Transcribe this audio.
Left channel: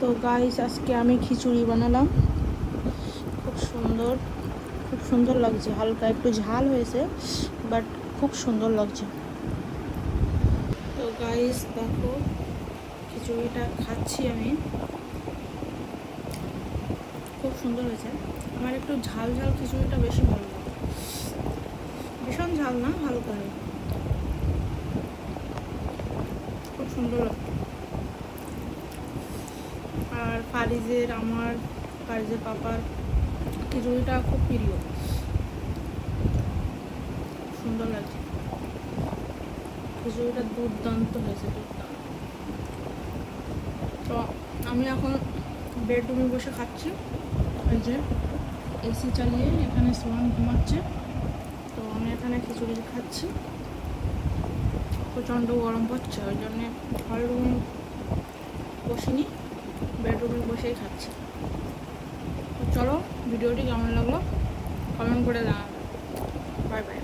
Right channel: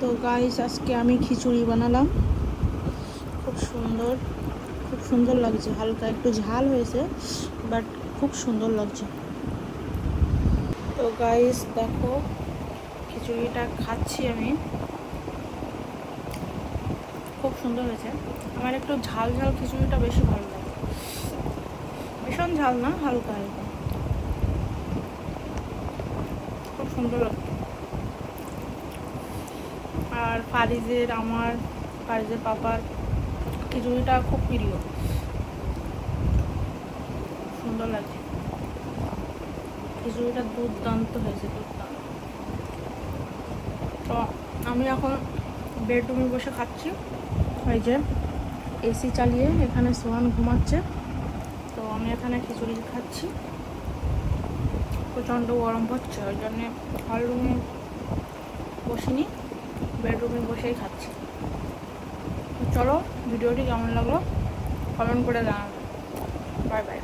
তো গাইস আজকে আমি খিচুড়ি বানালাম। খুব সুন্দর লাগছে, হালকা একটু ঝাল হয়েছে বাট খুব সুন্দর লাগছে। তো গাইস দেখো খিচুড়িটা খাচ্ছি আমি, খুব সুন্দর হয়েছে। আমার একটু ঝাল ঝাল খিচুড়িটা বেশি ভালো লাগে, ভীষণ ঝাল না, হালকা হালকা, খুব সুন্দর লাগে। আর ফারিজের পাপার খিচুড়িটা খুব প্রিয়, সুন্দর লাগছে। খিচুড়িটা দুর্দান্ত হয়েছে, দুর্দান্ত। তো আমি এখন বেডরুমে বসে খাচ্ছি, ওই যে এসি চালিয়ে এখানে সোহান ঘুমাচ্ছে, তো আমি এখানে খিচুড়ি খাচ্ছি। প্রচণ্ড গরম পড়ছে, ওই জন্যে হল রুমে বসিনি, বেডরুমে বসেই খাচ্ছি। তো চলো, ভিডিওটি কেমন লাগলো কমেন্ট করে জানাবে। Bye bye.